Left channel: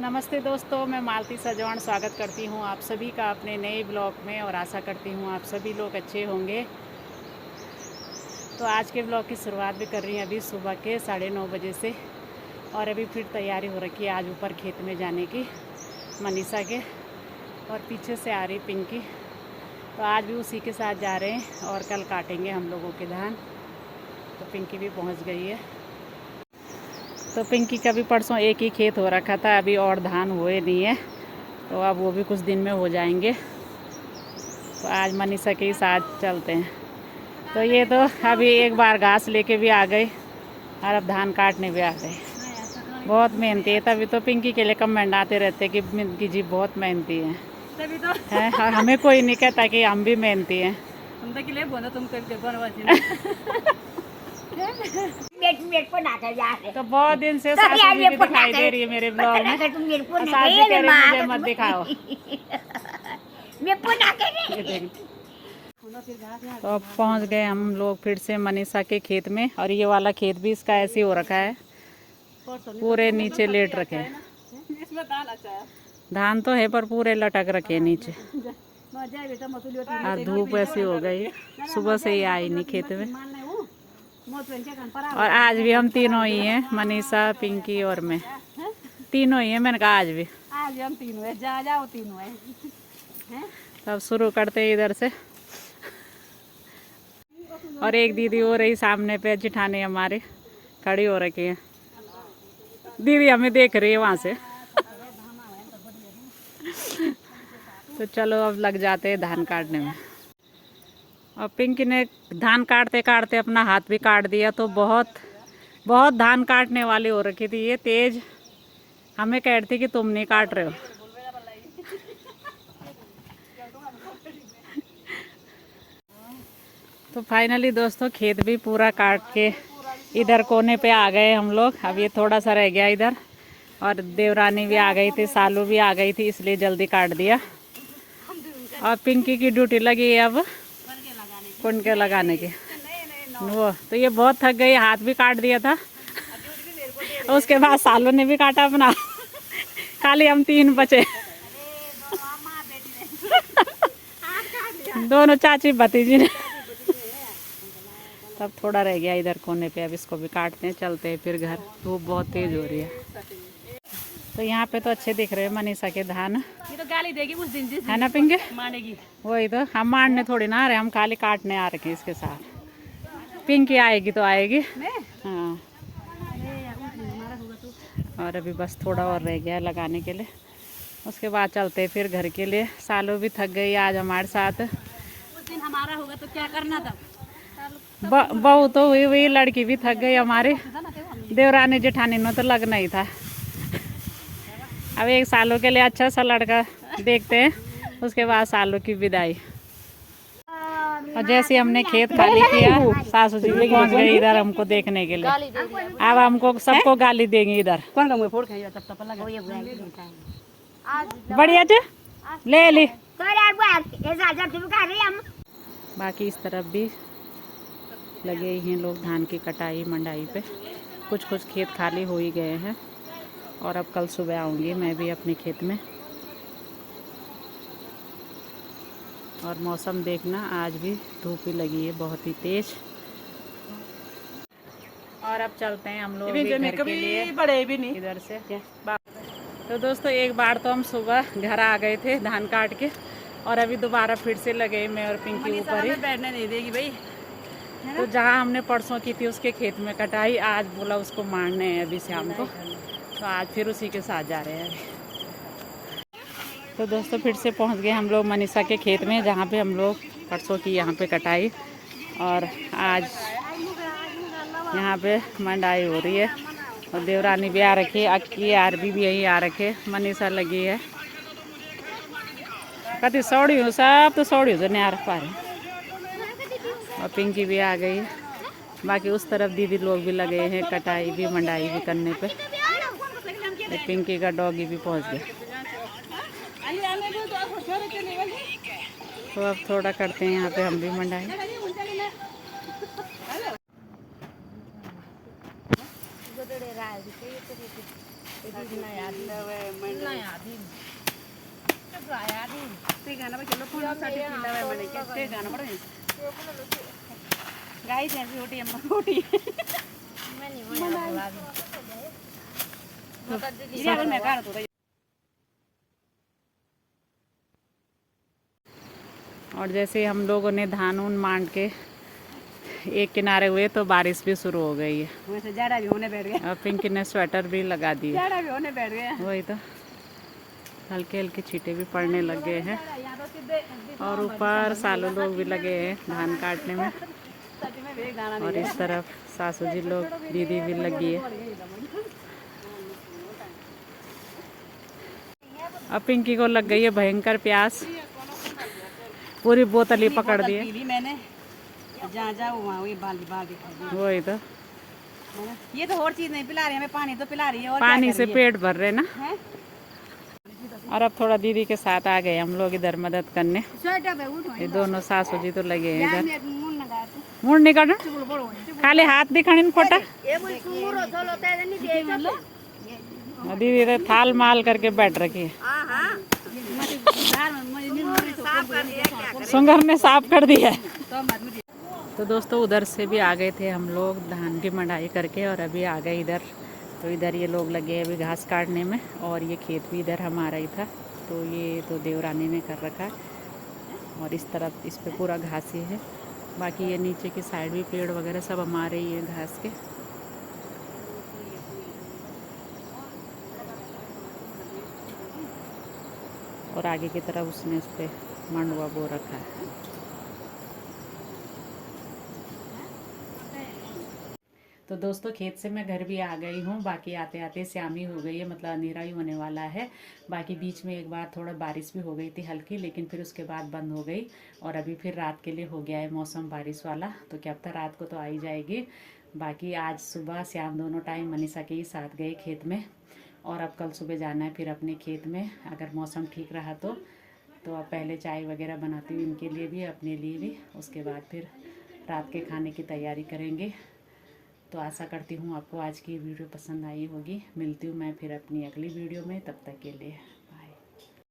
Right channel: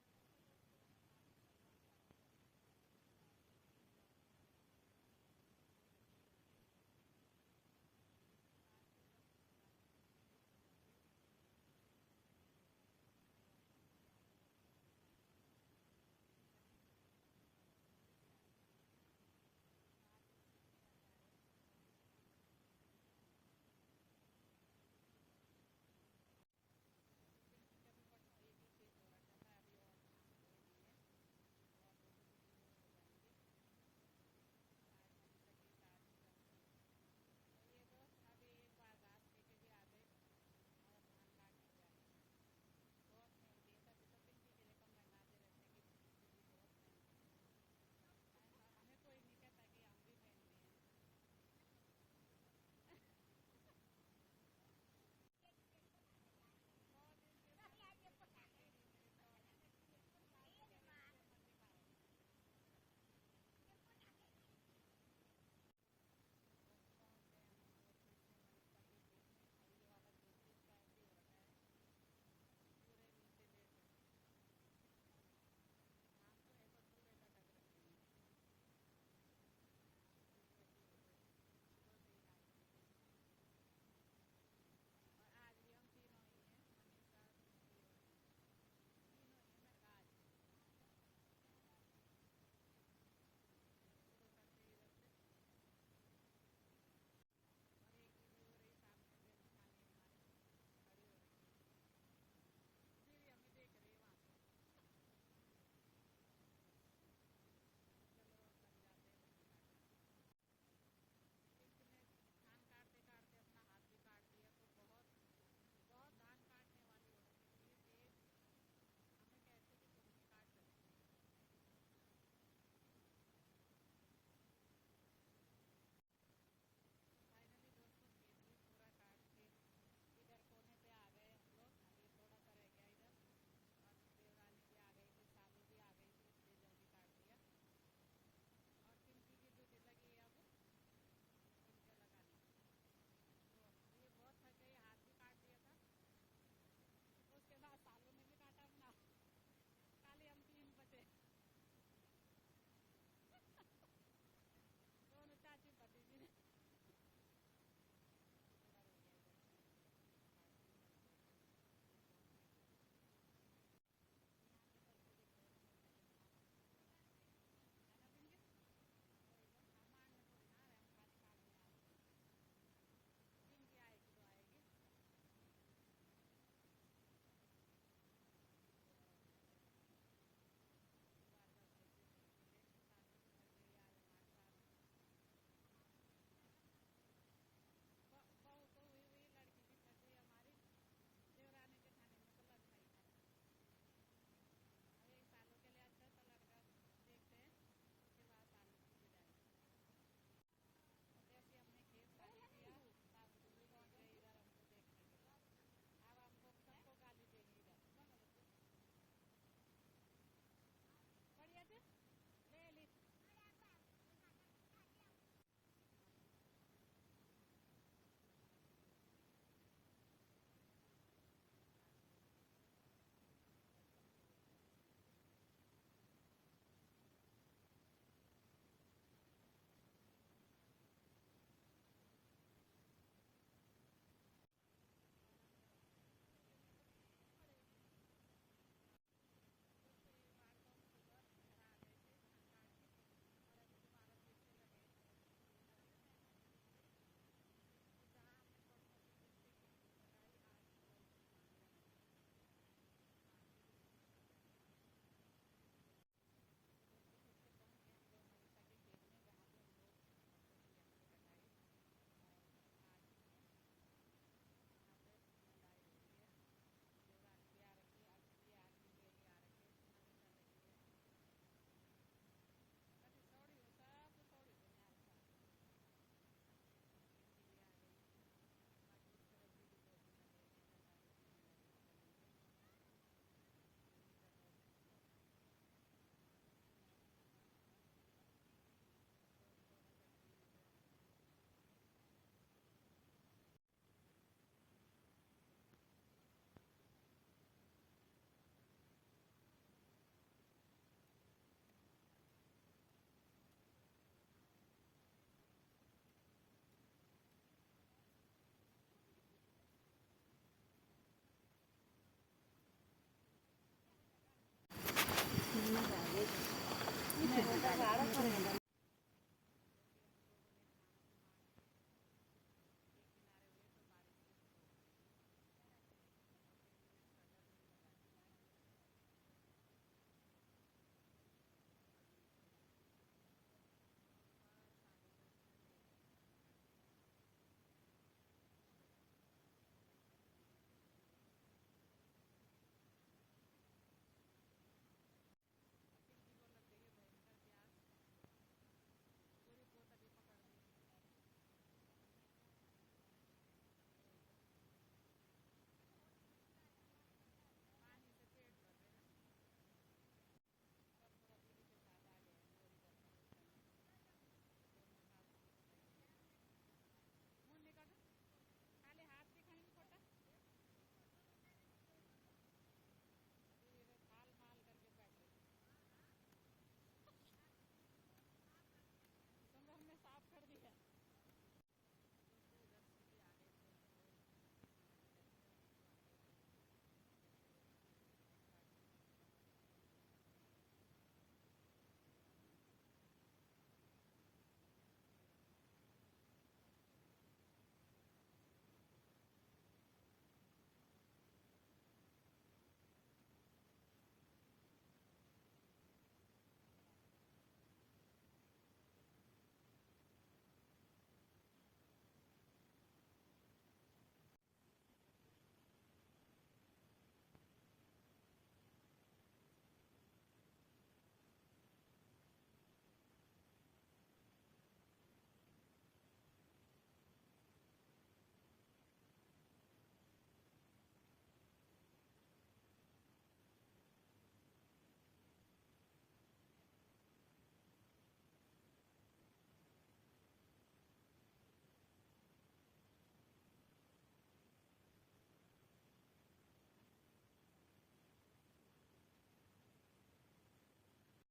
नमस्ते दोस्तों, मैं मालती सजवान स्वागत करती हूँ आप सभी का अपने नए ब्लॉग में और आशा करती हूँ आप सभी लोग अच्छे होंगे। तो आज के ब्लॉग की शुरुआत भी कर रही हैं अभी सुबह के 9:30 बजे से। और अभी फिर तैयारी हो रखी है आज ऊपर खेत में जाने की मनीषा के, और पीछे से आ रही पिंकी। तो आज भी उसी के साथ जा रहे हैं और कल काटेंगे हम लोगों के धान। तो पिंकी भी पहुँच गई है। तो पिंकी का भी परसों एक ही खेत हो रखा था, अभी और धान हुए नहीं है, तो अब वो भी कुछ दिन में हो जाएंगे। तो आज मनीषा के ही साथ चलते हैं। तो ये तो अभी एक बार घास लेके भी आ गए और अब धान काटने भी आ गए। बहुत मेहनती है, तभी तो पिंकी के लिए कमेंट आते रहते कि पिंकी जी बहुत मेहनती हैं। तभी तो है, और हमें कोई नहीं कहता कि हम भी मेहनती हैं। हम तो किले बोलो तुम तो बहुत दिन से सासू जी भी दिखाई दे रही है मेरे ब्लॉग में। सासू जी कह रही मुझे मत दिखाओ। तो अब पहुंच गए हम लोग फिर से मनीषा के खेत में, और ये वाला खेत भी इसका ऐसे हो रखा है, पूरे नीचे लेट रखे हैं। धान तो है पर पूरे लटक रखे हैं नीचे। आज धूप ऐसी हो गई, सुबह से ही आई नहीं खेत में। और आज भी हम तीनों ही हैं, मनीषा, पिंकी और मैं, तीनों ही हैं। मैंने कहा आज भी हम तीनों हैं, जाओ तीनों हैं। तब शुरू करते हैं इधर से। और एक दीदी हो रही सामने पे, जिठानी हमारे खड़ी हो रखी है। दीदी हमें देख रही है वहाँ से। तो चलो अब लग जाते हैं धान काटने में। और पिंकी ने धान काटते काटते अपना हाथ भी काट दिया, तो बहुत बहुत धान काटने वाली हो रखी थी ये तेज। हमें कह रही थी कि तुम नहीं काट रहे हो। तो फाइनली दोस्तों खेत भी पूरा काट के इधर कोने पे आ गए हम लोग। अब ये थोड़ा सा रह गया इधर, और देवरानी भी आ गई थी, सालू भी आ गई थी, इसलिए जल्दी काट दिया। और पिंकी की ड्यूटी लगी है अब कुनके लगाने की। वो तो ये बहुत थक गई, हाथ भी काट दिया था। उसके बाद सालू ने भी काटा अपना। खाली हम तीन बचे। दोनों चाची भतीजी ने। तब थोड़ा रह गया इधर कोने पे, अब इसको भी काटते हैं, चलते हैं फिर घर। धूप बहुत तेज हो रही है। तो यहाँ पे तो अच्छे दिख रहे हैं मनीषा के धान। ये तो गाली देगी उस दिन है ना पिंके, मानेगी। वही तो, हम मारने थोड़ी ना आ रहे, हम खाली काटने आ रखे इसके साथ। पिंकी आएगी तो आएगी। हाँ, और अभी बस थोड़ा और रह गया है लगाने के लिए, उसके बाद चलते हैं फिर घर के लिए। सालों भी थक गई आज हमारे साथ। उस दिन हमारा होगा तो क्या करना था। बहू तो हुई हुई, लड़की भी थक गई हमारी। देवरानी जेठानी ने तो लगना ही था। अब एक सालों के लिए अच्छा सा लड़का देखते हैं, उसके बाद सालों की विदाई। और जैसे हमने खेत खाली किया, सासू जी भी पहुंच गई इधर हमको देखने के लिए। अब हमको सबको गाली देंगे इधर। बढ़िया ले ली। बाकी इस तरफ भी लगे ही हैं लोग धान की कटाई मंडाई पे। कुछ कुछ खेत खाली हो ही गए हैं, और अब कल सुबह आऊँगी मैं भी अपने खेत में। और मौसम देखना, आज भी धूप ही लगी है बहुत ही तेज। और अब चलते हैं हम लोग भी घर के लिए, बड़े भी नहीं इधर से। तो दोस्तों एक बार तो हम सुबह घर आ गए थे धान काट के, और अभी दोबारा फिर से लगे मैं और पिंकी ऊपर ही। बैठने नहीं देगी भाई। तो जहाँ हमने परसों की थी उसके खेत में कटाई, आज बोला उसको मारने हैं अभी शाम को, तो आज फिर उसी के साथ जा रहे हैं। तो दोस्तों फिर से पहुंच गए हम लोग मनीषा के खेत में, जहाँ पे हम लोग परसों की यहाँ पे कटाई, और आज यहाँ पे मंडाई हो रही है। और देवरानी भी आ रखी है, अक्की आरबी भी यही आ रखे, मनीषा लगी है। कति सौड़ी हो, सब तो सौड़ी हो नहीं आ पा रही। और पिंकी भी आ गई है। बाकी उस तरफ दीदी लोग भी लगे हैं कटाई भी मंडाई भी करने पे। पिंकी का डॉगी भी पहुंच गया। तो अब थोड़ा करते हैं यहाँ पे हम भी मंडाई। गाइस ऐसी रोटी अम्मा रोटी और जैसे हम लोगों ने धान उन मांड के एक किनारे हुए तो बारिश भी शुरू हो गई है। वैसे जाड़ा भी होने बैठ गया और पिंकी ने स्वेटर भी लगा दी। जाड़ा भी होने बैठ गया। वही तो हल्के हल्के छींटे भी पड़ने लग गए हैं और ऊपर सालू लोग भी लगे हैं धान काटने में। और इस तरफ सासू जी लोग दीदी भी लगी है। अब पिंकी को लग गई है भयंकर प्यास, पूरी बोतल ही पकड़ दी है मैंने। जहाँ जाओ वहाँ वही बाल्टी वही तो। ये तो और चीज नहीं पिला रही हमें, पानी तो पिला रही है। और पानी से पेट भर रहे ना है? और अब थोड़ा दीदी के साथ आ गए हम लोग इधर मदद करने। ये दोनों सासू जी तो लगे हैं इधर। मुड़ नहीं करना, खाली हाथ दिखाने खोटा। दीदी तो थाल माल करके बैठ रखी है। सुंगर ने साफ कर दिया। तो दोस्तों उधर से भी आ गए थे हम लोग धान की मढ़ाई करके और अभी आ गए इधर। तो इधर ये लोग लगे अभी घास काटने में और ये खेत भी इधर हमारा ही था। तो ये तो देवरानी ने कर रखा है और इस तरफ इस पे पूरा घास ही है। बाकी ये नीचे की साइड भी पेड़ वगैरह सब हमारे ही हैं घास के। और आगे की तरफ उसने उस पर मंडुआ बो रखा है। तो दोस्तों खेत से मैं घर भी आ गई हूँ। बाकी आते आते शामी हो गई है, मतलब अंधेरा ही होने वाला है। बाकी बीच में एक बार थोड़ा बारिश भी हो गई थी हल्की, लेकिन फिर उसके बाद बंद हो गई और अभी फिर रात के लिए हो गया है मौसम बारिश वाला। तो क्या पता रात को तो आई जाएगी। बाकी आज सुबह शाम दोनों टाइम मनीषा के ही साथ गए खेत में और अब कल सुबह जाना है फिर अपने खेत में अगर मौसम ठीक रहा तो। अब पहले चाय वगैरह बनाती हूँ इनके लिए भी अपने लिए भी, उसके बाद फिर रात के खाने की तैयारी करेंगे। तो आशा करती हूँ आपको आज की वीडियो पसंद आई होगी। मिलती हूँ मैं फिर अपनी अगली वीडियो में, तब तक के लिए।